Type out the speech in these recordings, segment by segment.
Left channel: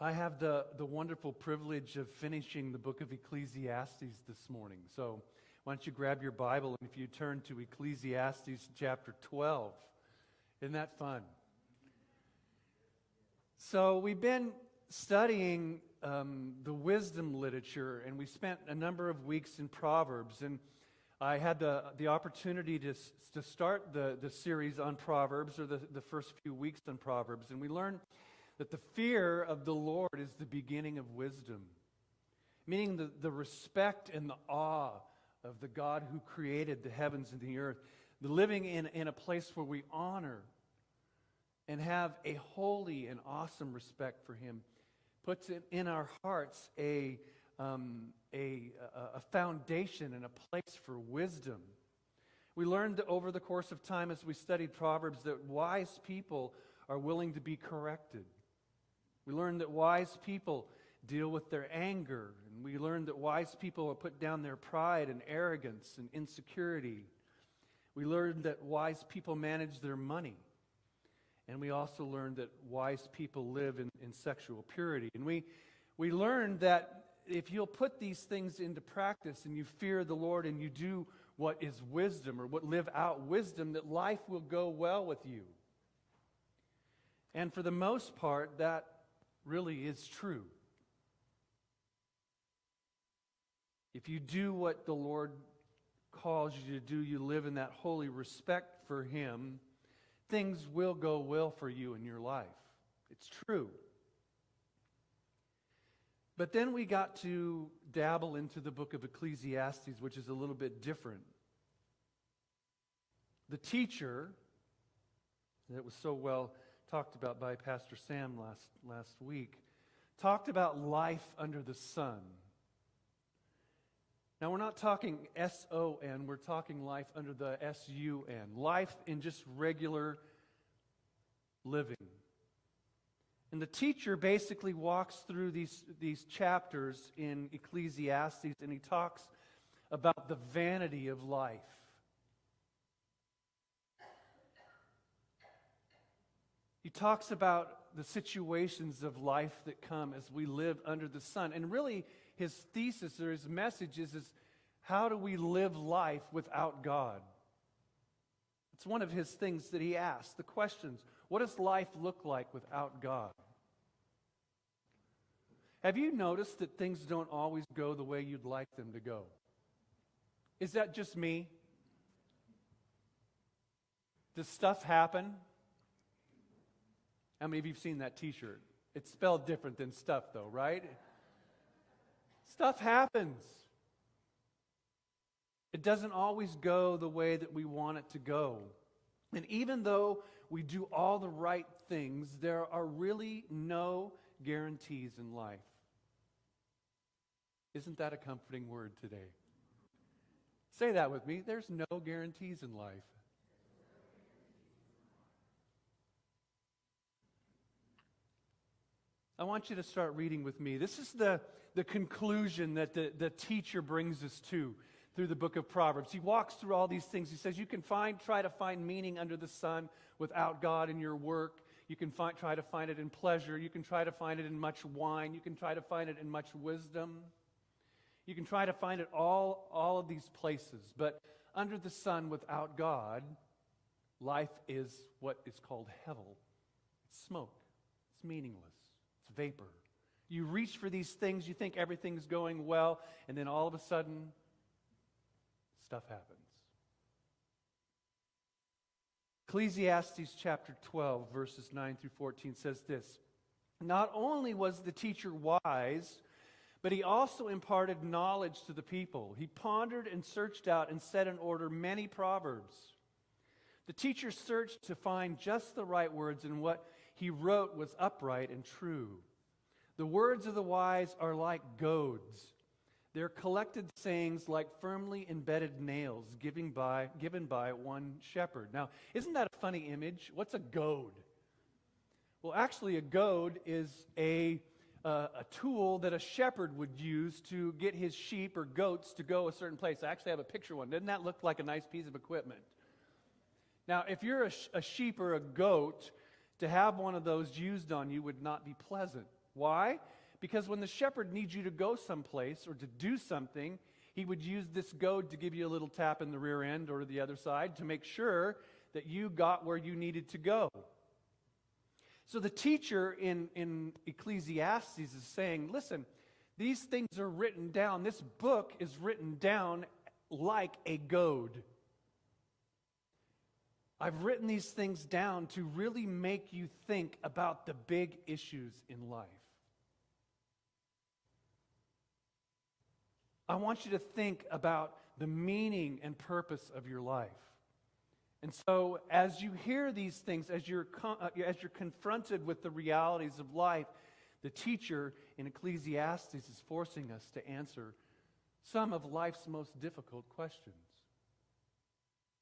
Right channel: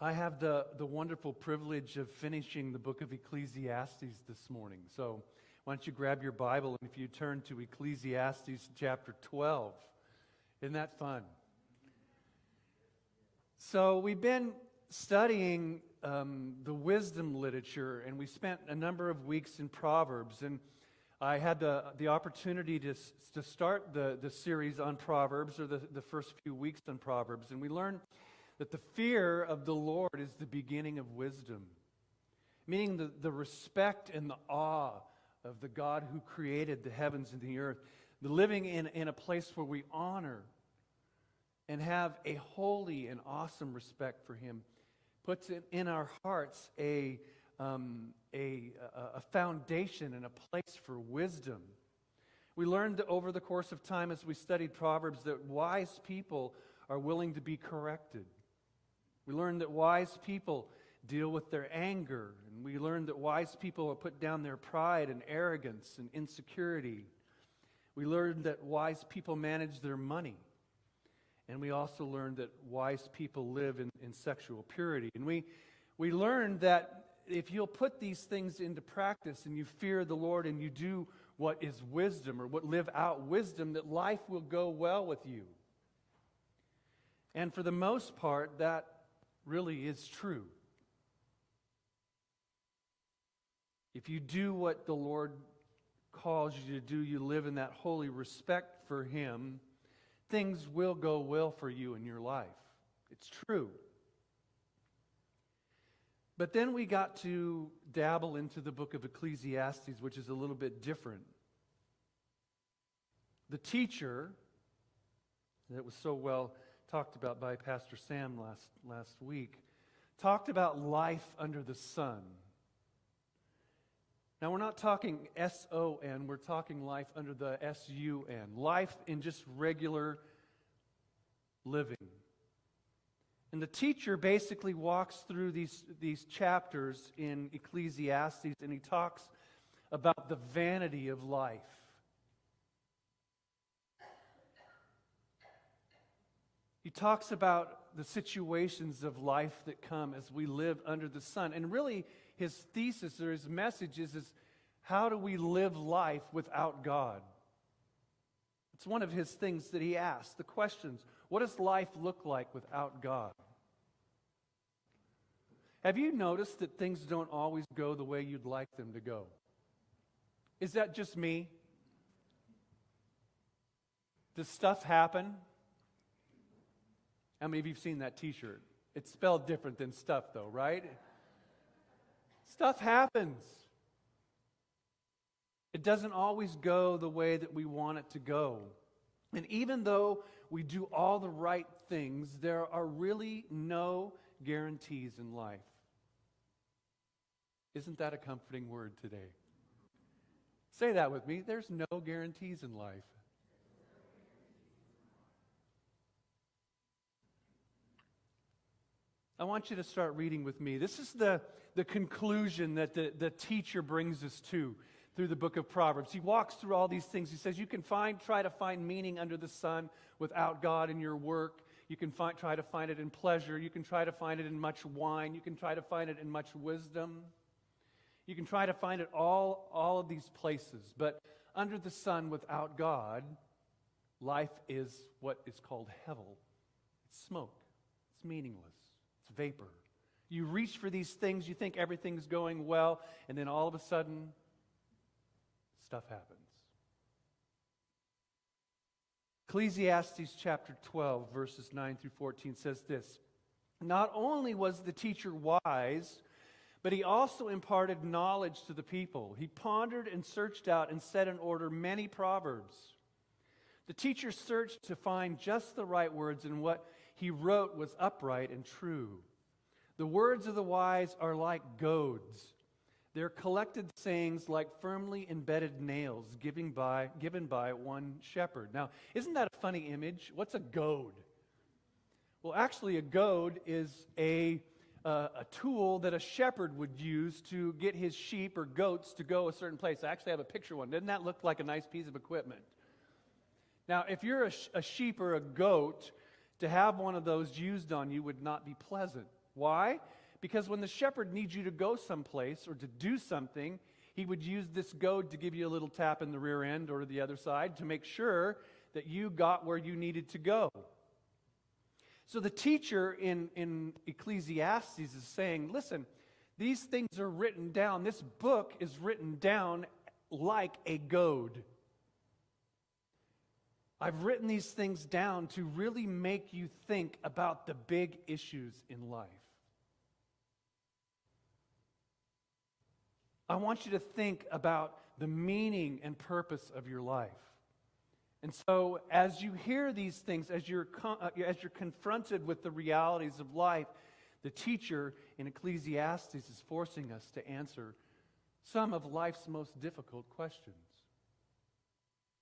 I have the wonderful privilege of finishing the book of Ecclesiastes this morning. So why don't you grab your Bible, and if you turn to Ecclesiastes chapter 12. Isn't that fun? So we've been studying the wisdom literature, and we spent a number of weeks in Proverbs. And I had the opportunity to start the series on Proverbs, or the first few weeks on Proverbs. And we learned that the fear of the Lord is the beginning of wisdom, meaning the respect and the awe of the God who created the heavens and the earth, the living in a place where we honor and have a holy and awesome respect for Him, puts it in our hearts a foundation and a place for wisdom. We learned over the course of time as we studied Proverbs that wise people are willing to be corrected. We learned that wise people deal with their anger, and we learned that wise people will put down their pride and arrogance and insecurity. We learned that wise people manage their money, and we also learned that wise people live in sexual purity. And we learned that if you'll put these things into practice and you fear the Lord and you do what is wisdom, or what live out wisdom, that life will go well with you. And for the most part, that really is true. If you do what the Lord calls you to do, you live in that holy respect for Him, things will go well for you in your life. It's true. But then we got to dabble into the book of Ecclesiastes, which is a little bit different. The teacher, that was so well talked about by Pastor Sam last week, talked about life under the sun. Now, we're not talking S-O-N, we're talking life under the S-U-N, life in just regular living. And the teacher basically walks through these chapters in Ecclesiastes, and he talks about the vanity of life. He talks about the situations of life that come as we live under the sun. And really, his thesis or his message is how do we live life without God? It's one of his things that he asks, the questions. What does life look like without God? Have you noticed that things don't always go the way you'd like them to go? Is that just me? Does stuff happen? How many of you have seen that t-shirt? It's spelled different than stuff though, right? Stuff happens. It doesn't always go the way that we want it to go. And even though we do all the right things, there are really no guarantees in life. Isn't that a comforting word today? Say that with me. There's no guarantees in life. I want you to start reading with me. This is the conclusion that the teacher brings us to through the book of Proverbs. He walks through all these things. He says you can try to find meaning under the sun without God in your work. You can try to find it in pleasure. You can try to find it in much wine. You can try to find it in much wisdom. You can try to find it all of these places. But under the sun without God, life is what is called hevel. It's smoke. It's meaningless. It's vapor. You reach for these things, you think everything's going well, and then all of a sudden, stuff happens. Ecclesiastes chapter 12, verses 9 through 14 says this: Not only was the teacher wise, but he also imparted knowledge to the people. He pondered and searched out and set in order many proverbs. The teacher searched to find just the right words, and what he wrote was upright and true. The words of the wise are like goads. Their collected sayings like firmly embedded nails given by one shepherd. Now, isn't that a funny image? What's a goad? Well, actually, a goad is a tool that a shepherd would use to get his sheep or goats to go a certain place. I actually have a picture of one. Doesn't that look like a nice piece of equipment? Now, if you're a sheep or a goat, to have one of those used on you would not be pleasant. Why? Because when the shepherd needs you to go someplace or to do something, he would use this goad to give you a little tap in the rear end or the other side to make sure that you got where you needed to go. So the teacher in Ecclesiastes is saying, listen, these things are written down. This book is written down like a goad. I've written these things down to really make you think about the big issues in life. I want you to think about the meaning and purpose of your life. And so as you hear these things, as you're confronted with the realities of life, the teacher in Ecclesiastes is forcing us to answer some of life's most difficult questions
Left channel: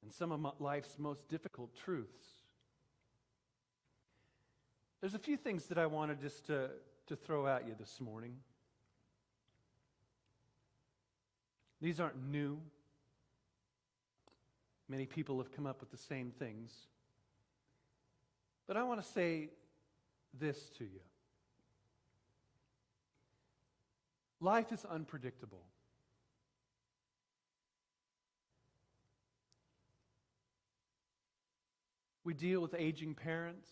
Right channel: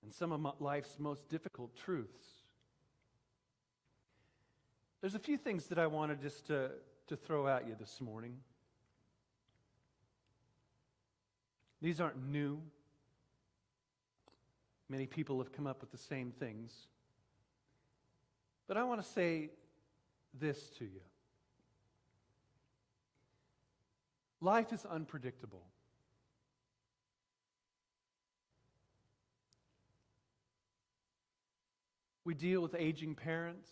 and some of life's most difficult truths. There's a few things that I wanted just to throw at you this morning. These aren't new. Many people have come up with the same things. But I want to say this to you. Life is unpredictable. We deal with aging parents,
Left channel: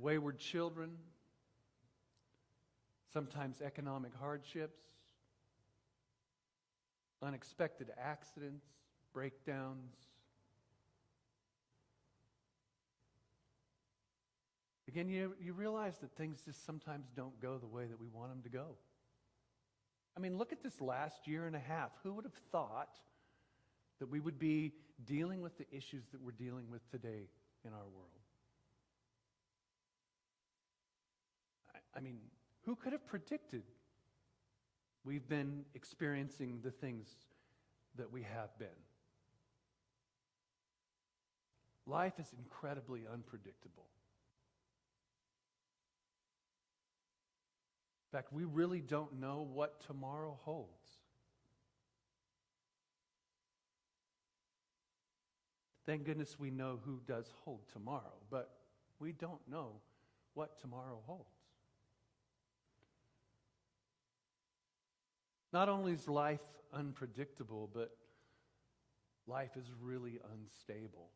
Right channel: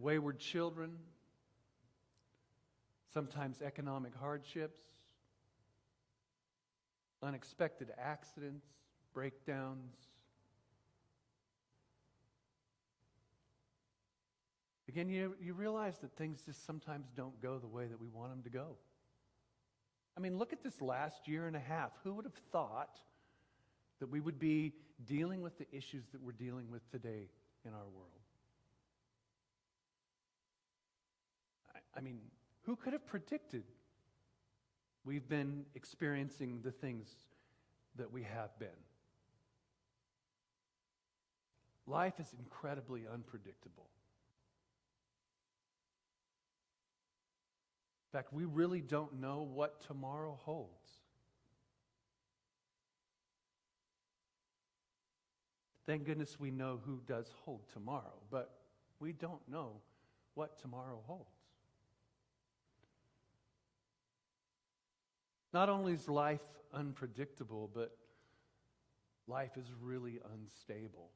wayward children, sometimes economic hardships, unexpected accidents, breakdowns. Again, you realize that things just sometimes don't go the way that we want them to go. I mean, look at this last year and a half. Who would have thought that we would be dealing with the issues that we're dealing with today in our world? I mean, who could have predicted we've been experiencing the things that we have been? Life is incredibly unpredictable. In fact, we really don't know what tomorrow holds. Thank goodness we know who does hold tomorrow, but we don't know what tomorrow holds. Not only is life unpredictable, but life is really unstable.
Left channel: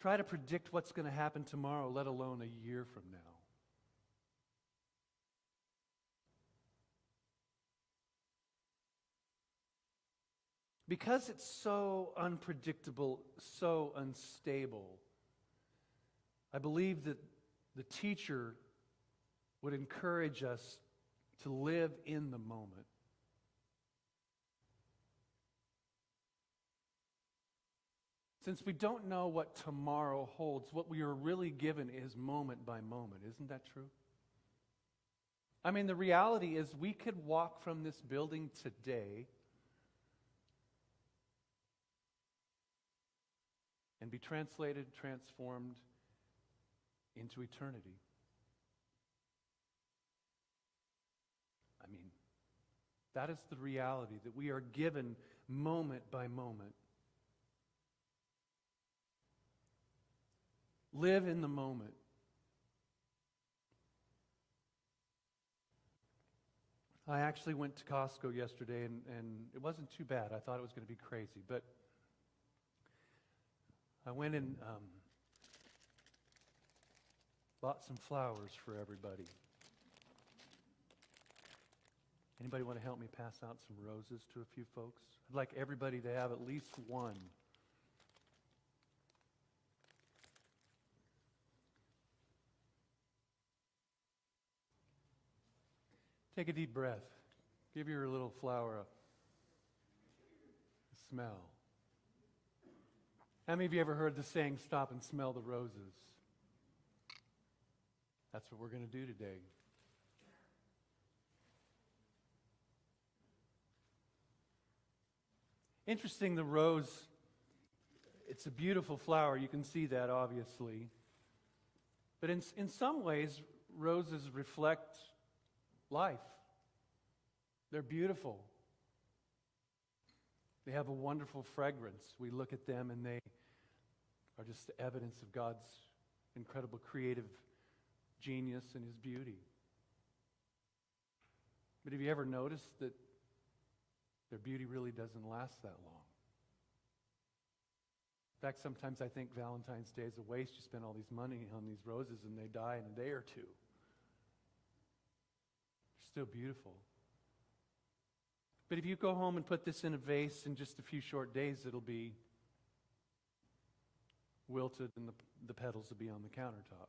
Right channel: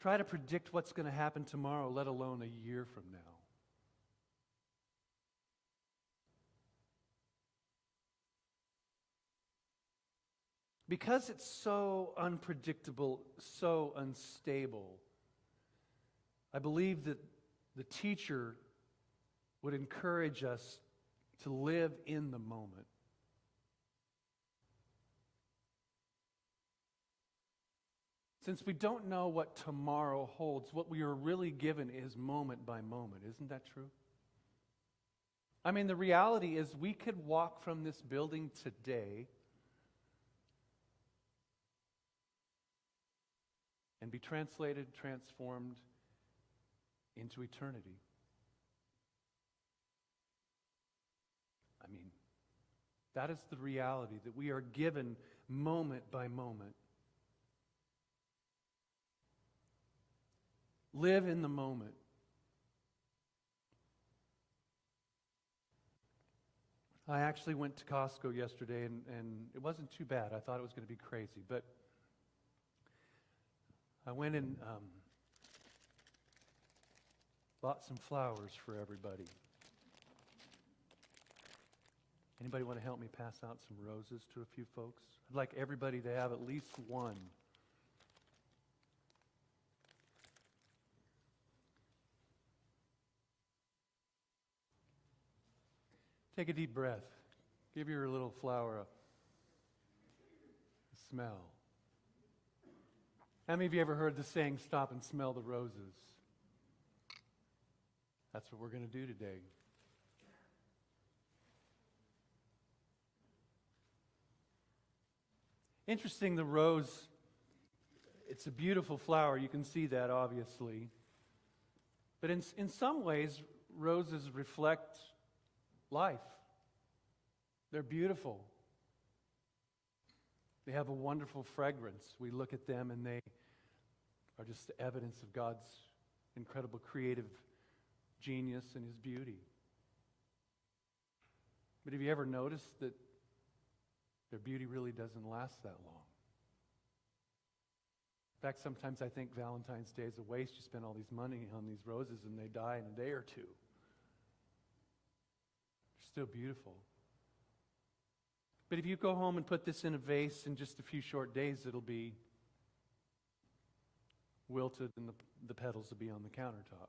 Try to predict what's going to happen tomorrow, let alone a year from now. Because it's so unpredictable, so unstable, I believe that the teacher would encourage us to live in the moment. Since we don't know what tomorrow holds, what we are really given is moment by moment. Isn't that true? I mean, the reality is we could walk from this building today and be translated, transformed into eternity. I mean, that is the reality, that we are given moment by moment. Live in the moment. I actually went to Costco yesterday, and it wasn't too bad. I thought it was going to be crazy, but I went and bought some flowers for everybody. Anybody want to help me pass out some roses to a few folks? I'd like everybody to have at least one. Take a deep breath. Give your little flower a smell. How many of you ever heard the saying, stop and smell the roses? That's what we're going to do today. Interesting, the rose, it's a beautiful flower. You can see that, obviously. But in some ways, roses reflect life. They're beautiful. They have a wonderful fragrance. We look at them and they are just the evidence of God's incredible creative genius and His beauty. But have you ever noticed that their beauty really doesn't last that long? In fact, sometimes I think Valentine's Day is a waste. You spend all these money on these roses and they die in a day or two. They're still beautiful. But if you go home and put this in a vase, in just a few short days, it'll be wilted and the petals will be on the countertop.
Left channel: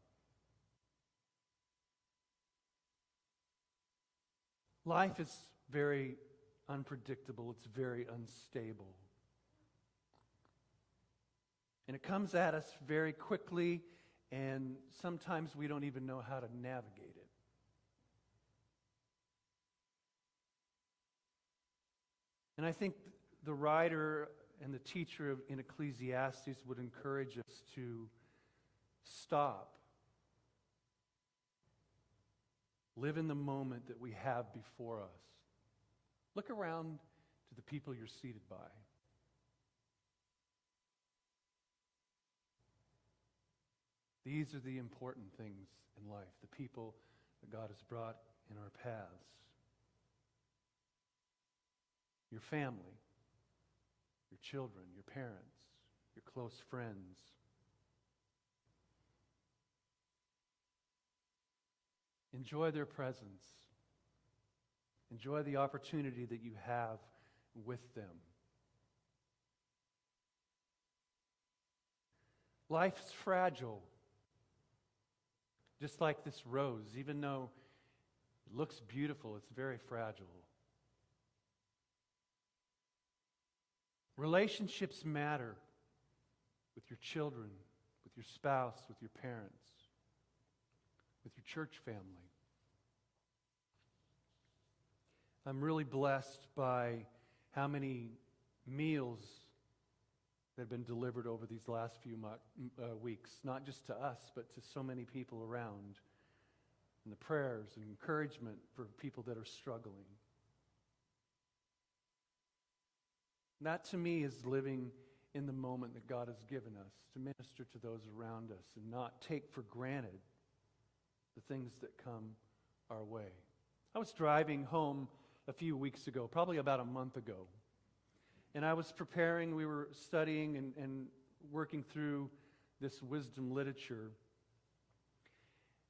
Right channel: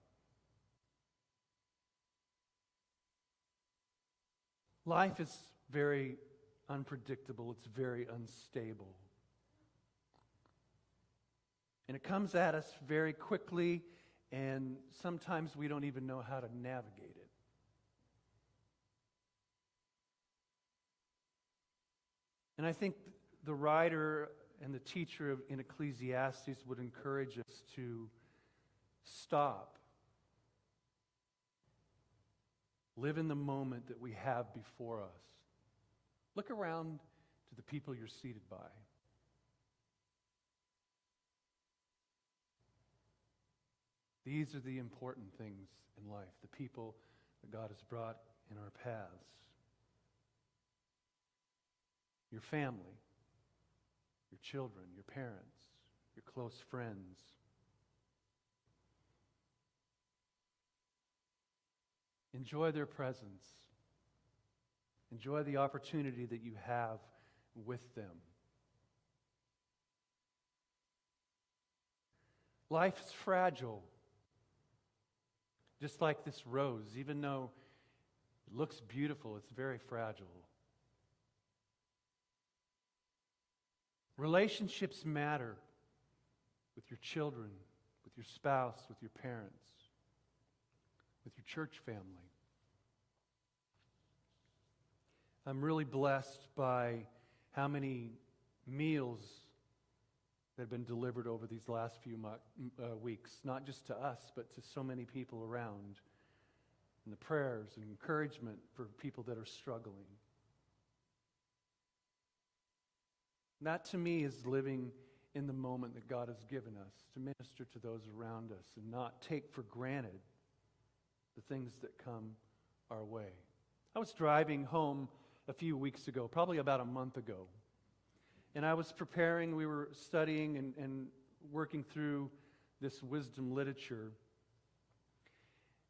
Life is very unpredictable. It's very unstable. And it comes at us very quickly, and sometimes we don't even know how to navigate it. And I think the writer and the teacher in Ecclesiastes would encourage us to stop. Live in the moment that we have before us. Look around to the people you're seated by. These are the important things in life, the people that God has brought in our paths. Your family, your children, your parents, your close friends. Enjoy their presence. Enjoy the opportunity that you have with them. Life's fragile. Just like this rose, even though it looks beautiful, it's very fragile. Relationships matter with your children, with your spouse, with your parents, with your church family. I'm really blessed by how many meals that have been delivered over these last few weeks, not just to us, but to so many people around, and the prayers and encouragement for people that are struggling. And that, to me, is living in the moment that God has given us to minister to those around us and not take for granted the things that come our way. I was driving home a few weeks ago, probably about a month ago, and I was preparing, we were studying and working through this wisdom literature.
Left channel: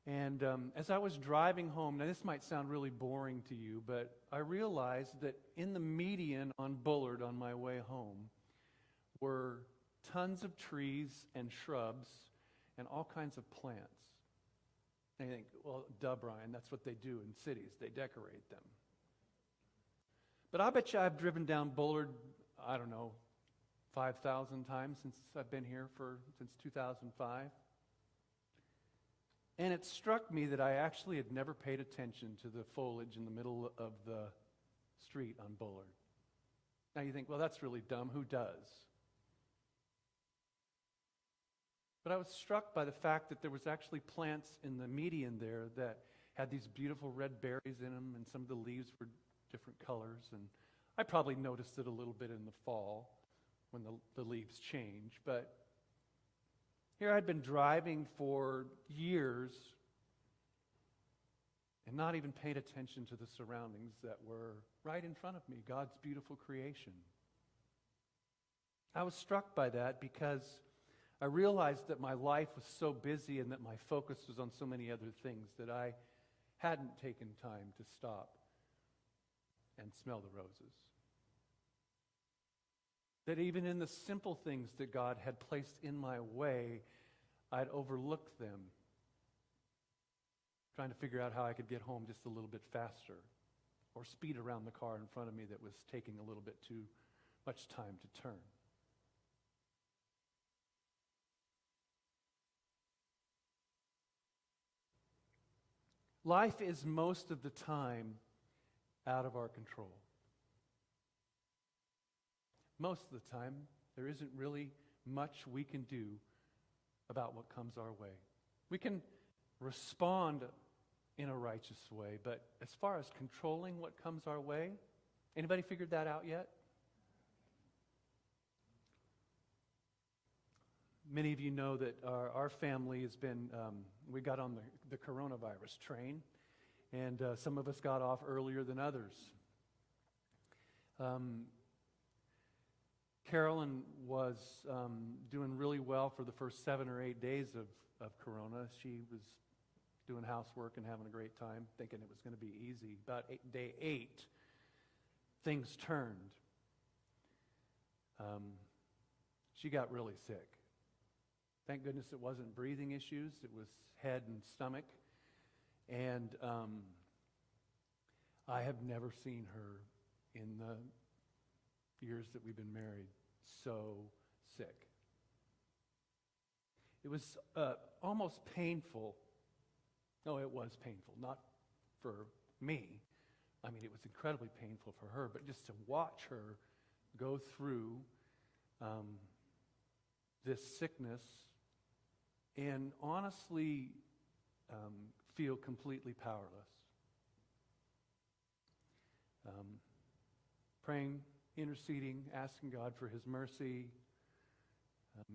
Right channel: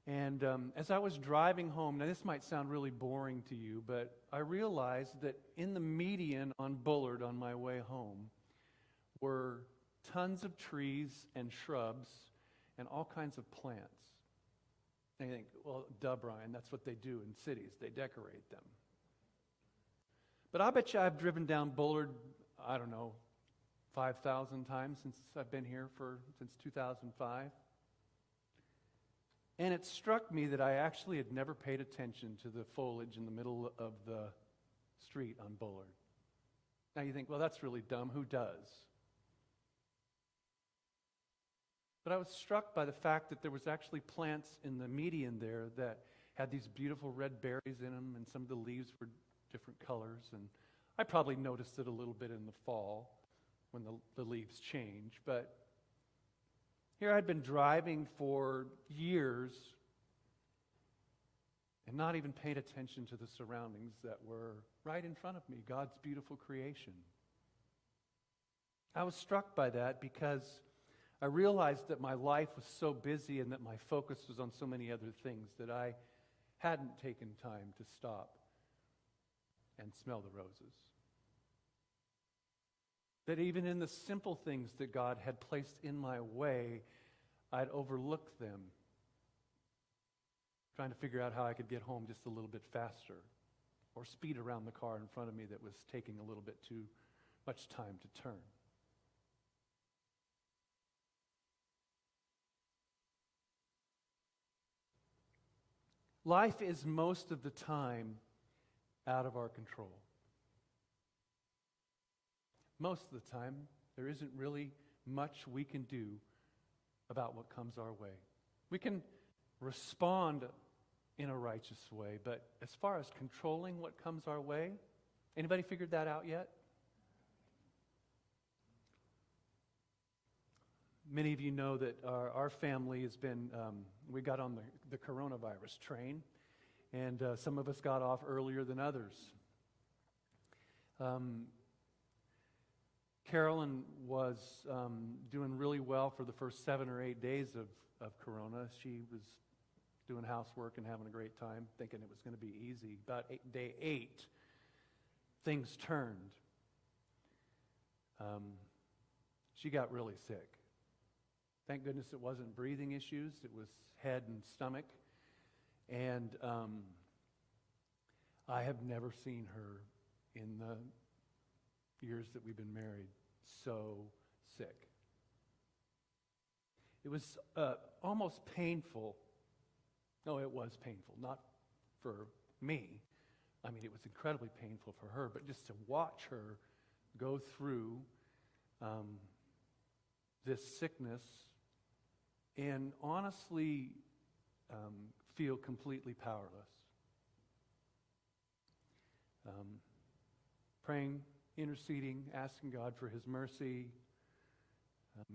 And as I was driving home, now this might sound really boring to you, but I realized that in the median on Bullard on my way home were tons of trees and shrubs and all kinds of plants. And you think, well, duh, Brian, that's what they do in cities. They decorate them. But I bet you I've driven down Bullard, I don't know, 5,000 times since I've been here since 2005. And it struck me that I actually had never paid attention to the foliage in the middle of the street on Bullard. Now you think, well, that's really dumb. Who does? But I was struck by the fact that there was actually plants in the median there that had these beautiful red berries in them, and some of the leaves were different colors. And I probably noticed it a little bit in the fall when the leaves change. But here I'd been driving for years and not even paid attention to the surroundings that were right in front of me, God's beautiful creation. I was struck by that because I realized that my life was so busy and that my focus was on so many other things that I hadn't taken time to stop and smell the roses. That even in the simple things that God had placed in my way, I'd overlook them, trying to figure out how I could get home just a little bit faster, or speed around the car in front of me that was taking a little bit too much time to turn. Life is most of the time out of our control. Most of the time, there isn't really much we can do about what comes our way. We can respond in a righteous way, but as far as controlling what comes our way, anybody figured that out yet? Many of you know that our family has been, we got on the coronavirus train, and some of us got off earlier than others. Carolyn was doing really well for the first 7 or 8 days of corona. She was doing housework and having a great time, thinking it was going to be easy. About day 8, things turned. She got really sick. Thank goodness it wasn't breathing issues. It was head and stomach. And I have never seen her in the years that we've been married so sick. It was almost painful. No, it was painful. Not for me. I mean, it was incredibly painful for her. But just to watch her go through this sickness and honestly feel completely powerless. Praying, interceding, asking God for His mercy,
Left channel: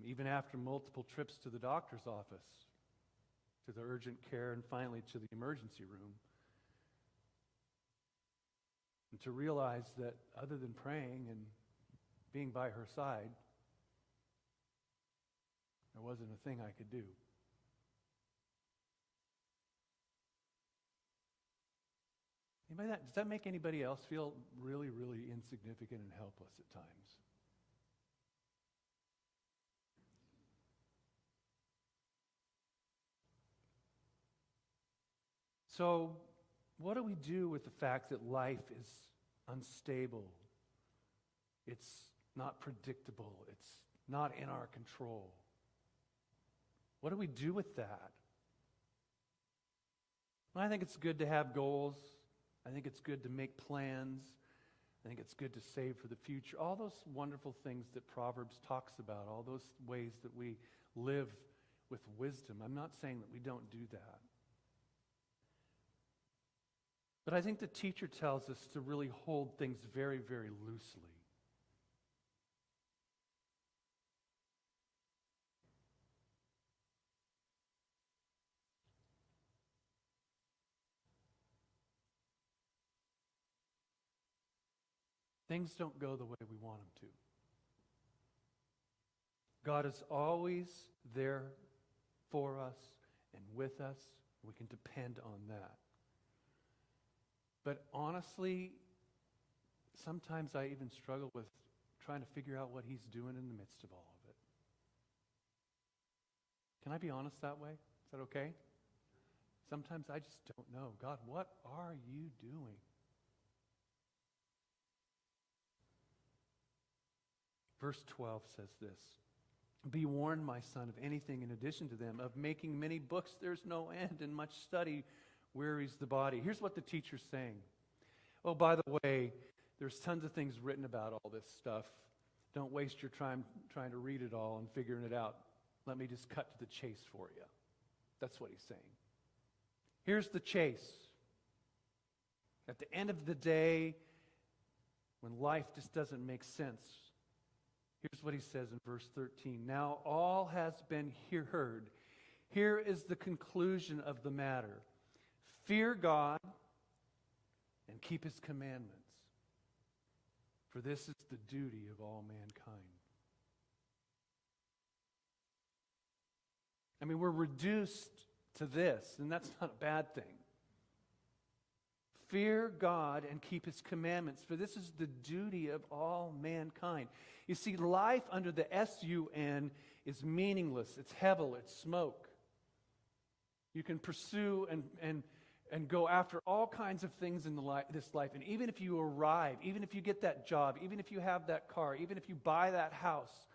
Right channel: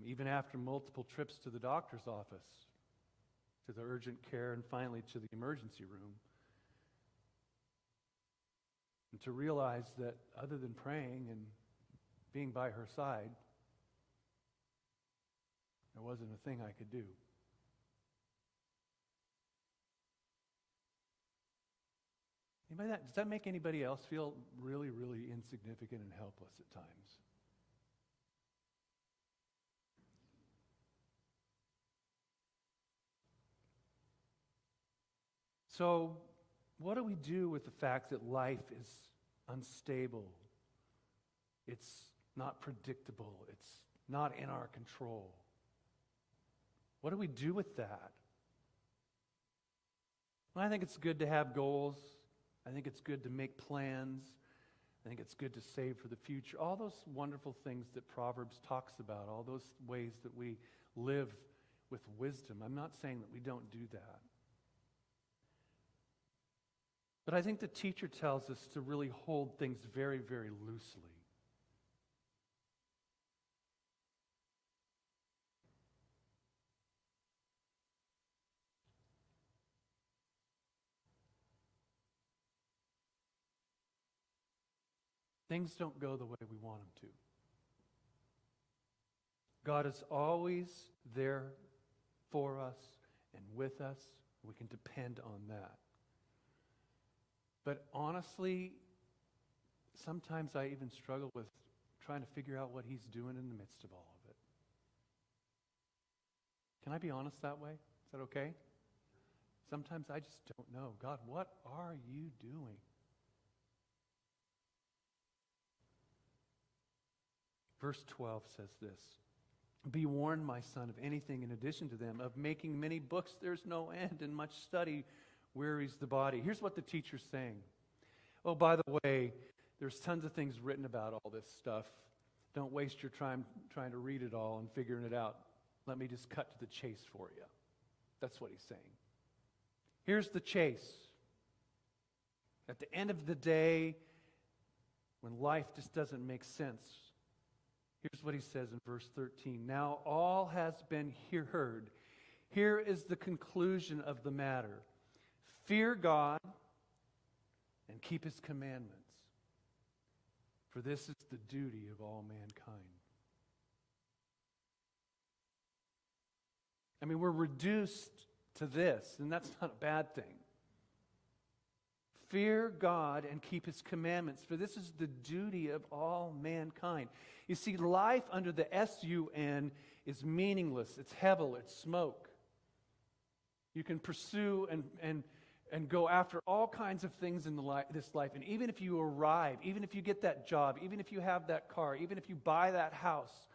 even after multiple trips to the doctor's office, to the urgent care, and finally to the emergency room. And to realize that other than praying and being by her side, there wasn't a thing I could do. Does that make anybody else feel really, really insignificant and helpless at times? So, what do we do with the fact that life is unstable? It's not predictable. It's not in our control. What do we do with that? Well, I think it's good to have goals. I think it's good to make plans. I think it's good to save for the future. All those wonderful things that Proverbs talks about, all those ways that we live with wisdom. I'm not saying that we don't do that. But I think the teacher tells us to really hold things very, very loosely. Things don't go the way we want them to. God is always there for us and with us. We can depend on that. But honestly, sometimes I even struggle with trying to figure out what He's doing in the midst of all of it. Can I be honest that way? Is that okay? Sometimes I just don't know. God, what are you doing? Verse 12 says this, "Be warned, my son, of anything in addition to them, of making many books there's no end, and much study wearies the body." Here's what the teacher's saying. Oh, by the way, there's tons of things written about all this stuff. Don't waste your time trying to read it all and figuring it out. Let me just cut to the chase for you. That's what he's saying. Here's the chase. At the end of the day, when life just doesn't make sense, here's what he says in verse 13. "Now all has been heard. Here is the conclusion of the matter. Fear God and keep His commandments, for this is the duty of all mankind." I mean, we're reduced to this, and that's not a bad thing. Fear God and keep His commandments, for this is the duty of all mankind. You see, life under the S-U-N is meaningless. It's hevel, it's smoke. You can pursue and go after all kinds of things in this life. And even if you arrive, even if you get that job, even if you have that car, even if you buy that house,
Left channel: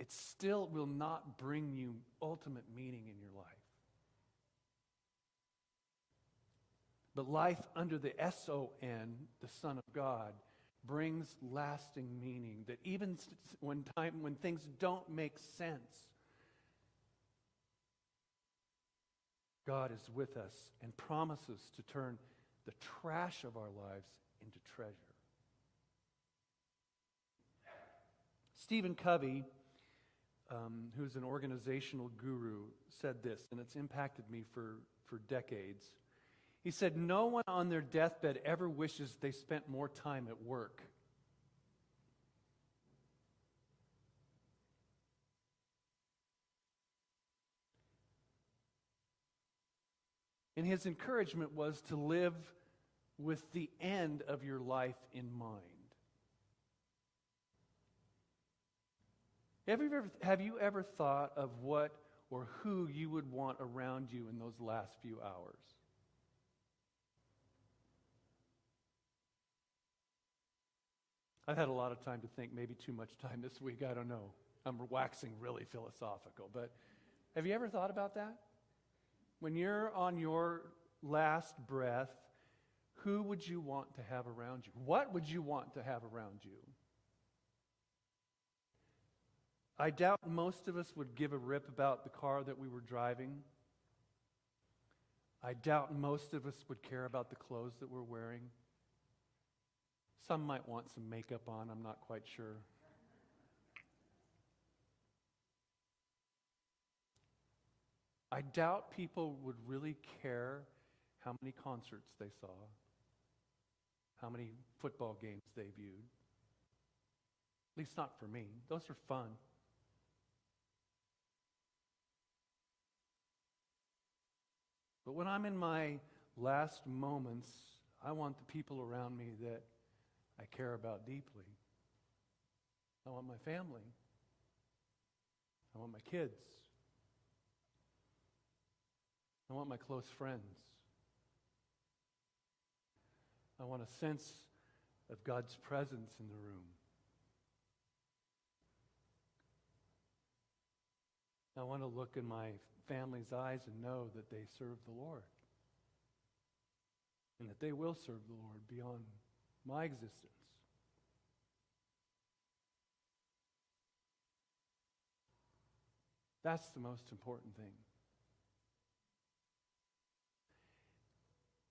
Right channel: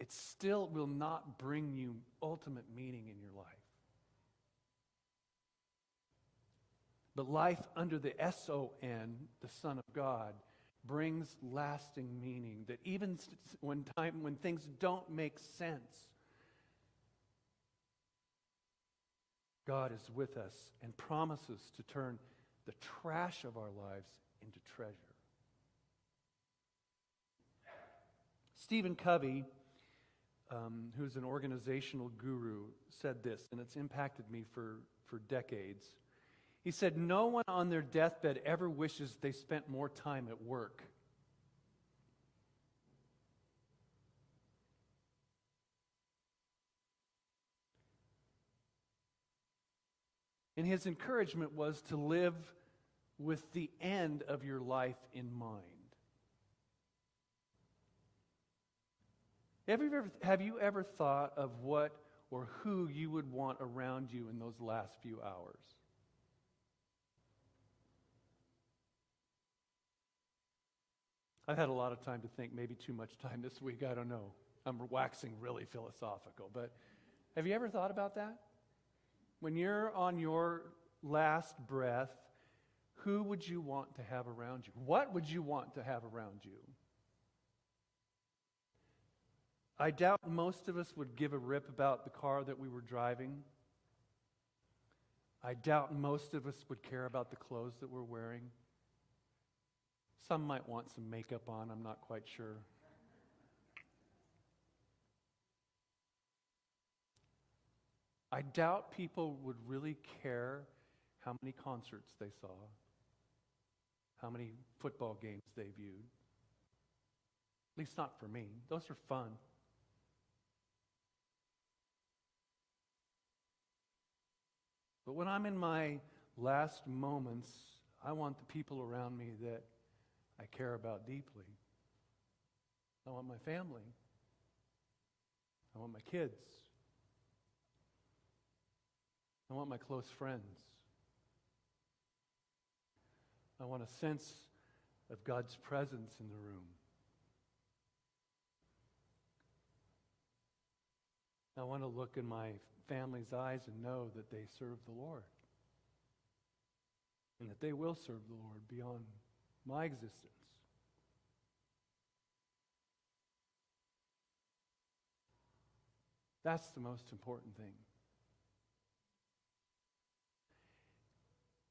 it still will not bring you ultimate meaning in your life. But life under the S-O-N, the Son of God, brings lasting meaning, that even when things don't make sense, God is with us and promises to turn the trash of our lives into treasure. Stephen Covey who's an organizational guru, said this, and it's impacted me for decades. He said, "No one on their deathbed ever wishes they spent more time at work." And his encouragement was to live with the end of your life in mind. Have you ever thought of what or who you would want around you in those last few hours? I've had a lot of time to think, maybe too much time this week, I don't know. I'm waxing really philosophical, but have you ever thought about that? When you're on your last breath, who would you want to have around you? What would you want to have around you? I doubt most of us would give a rip about the car that we were driving. I doubt most of us would care about the clothes that we're wearing. Some might want some makeup on, I'm not quite sure. I doubt people would really care how many concerts they saw, how many football games they viewed. At least not for me. Those are fun. But when I'm in my last moments, I want the people around me that I care about deeply. I want my family. I want my kids. I want my close friends. I want a sense of God's presence in the room. I want to look in my family's eyes and know that they serve the Lord. And that they will serve the Lord beyond my existence. That's the most important thing.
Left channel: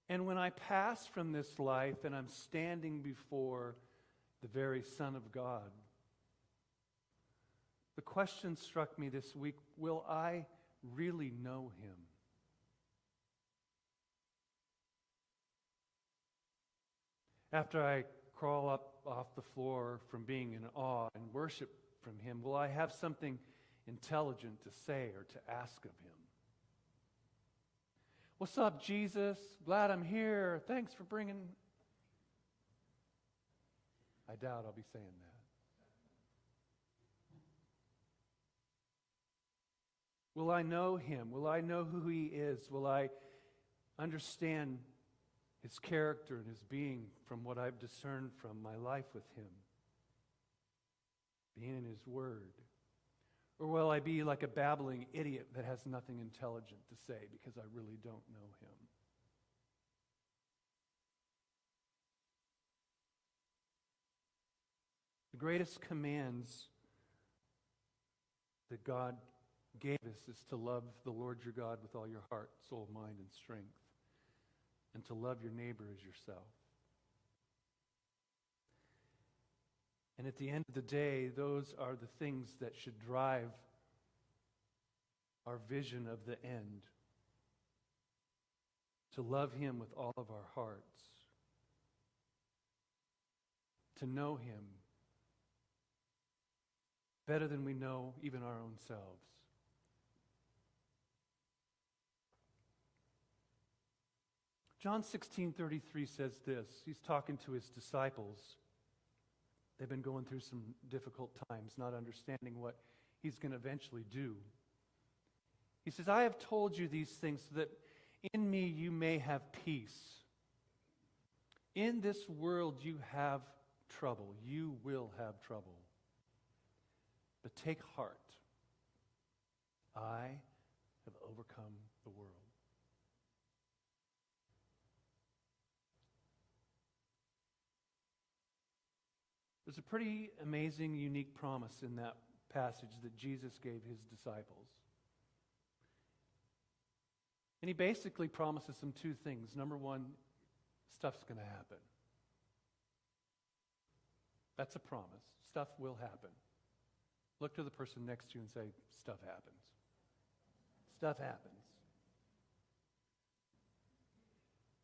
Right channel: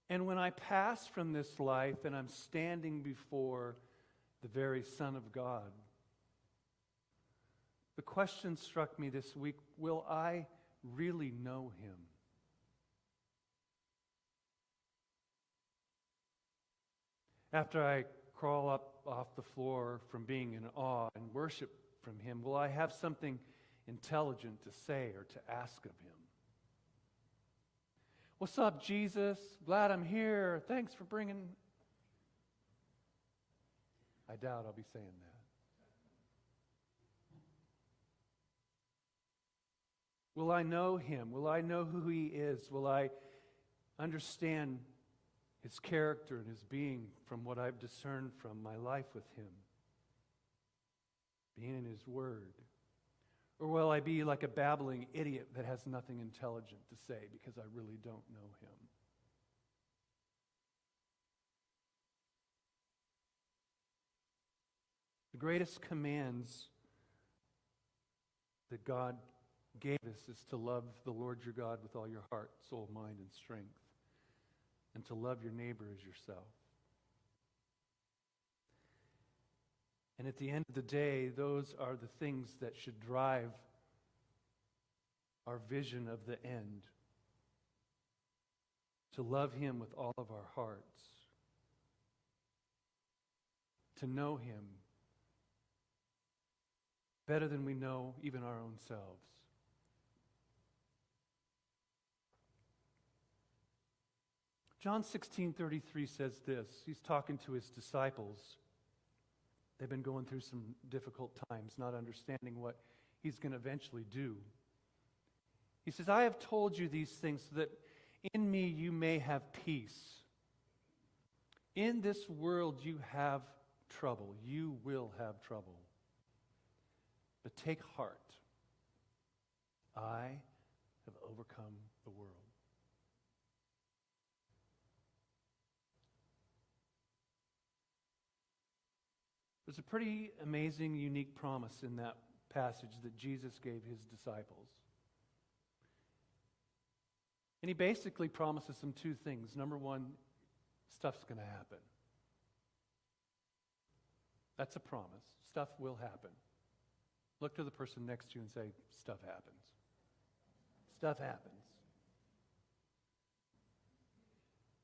And when I pass from this life and I'm standing before the very Son of God, the question struck me this week, will I really know him? After I crawl up off the floor from being in awe and worship from him, will I have something intelligent to say or to ask of him? What's up, Jesus? Glad I'm here. Thanks for bringing... I doubt I'll be saying that. Will I know him? Will I know who he is? Will I understand his character and his being from what I've discerned from my life with him? Being in his word? Or will I be like a babbling idiot that has nothing intelligent to say because I really don't know him? The greatest commands that God gave us is to love the Lord your God with all your heart, soul, mind, and strength, and to love your neighbor as yourself. And at the end of the day, those are the things that should drive our vision of the end. To love him with all of our hearts. To know him better than we know even our own selves. John 16:33 says this. He's talking to his disciples. They've been going through some difficult times, not understanding what he's going to eventually do. He says, I have told you these things so that in me you may have peace. In this world you have trouble. You will have trouble. But take heart. I have overcome the world. There's a pretty amazing, unique promise in that passage that Jesus gave his disciples. And he basically promises them two things. Number one, stuff's going to happen. That's a promise. Stuff will happen. Look to the person next to you and say, stuff happens. Stuff happens.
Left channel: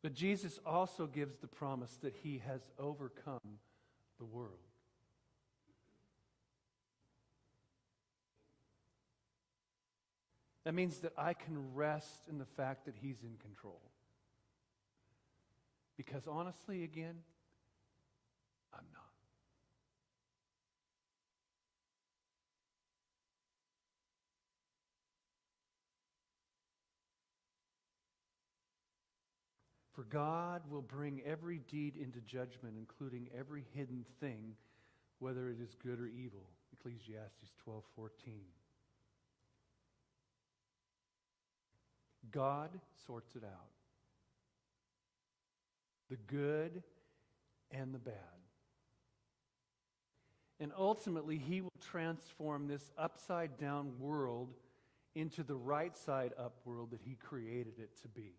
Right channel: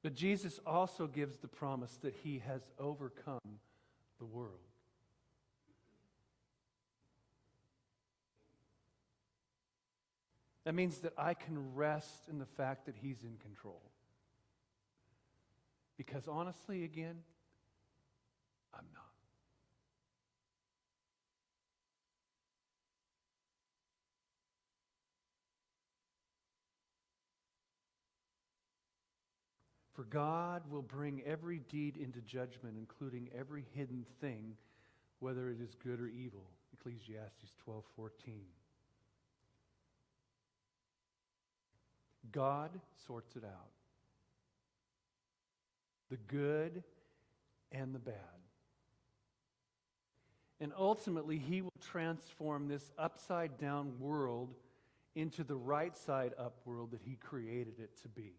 But Jesus also gives the promise that he has overcome the world. That means that I can rest in the fact that he's in control. Because honestly, again, I'm not. For God will bring every deed into judgment, including every hidden thing, whether it is good or evil. Ecclesiastes 12:14. God sorts it out. The good and the bad. And ultimately, he will transform this upside-down world into the right-side-up world that he created it to be.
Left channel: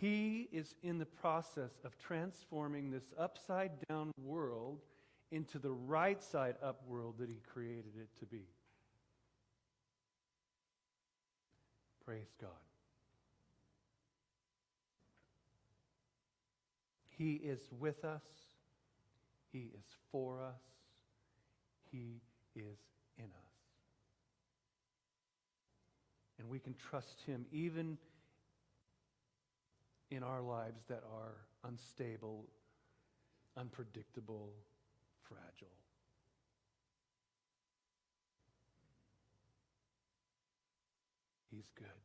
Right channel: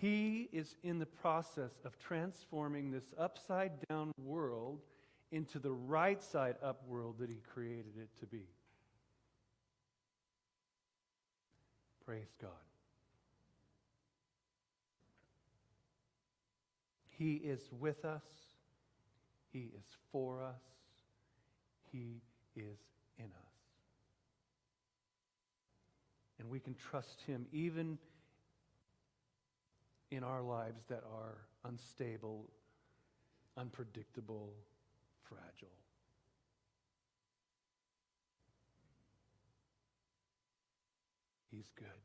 He is in the process of transforming this upside-down world into the right-side-up world that he created it to be. Praise God. He is with us. He is for us. He is in us. And we can trust him even in our lives that are unstable, unpredictable, fragile. He's good.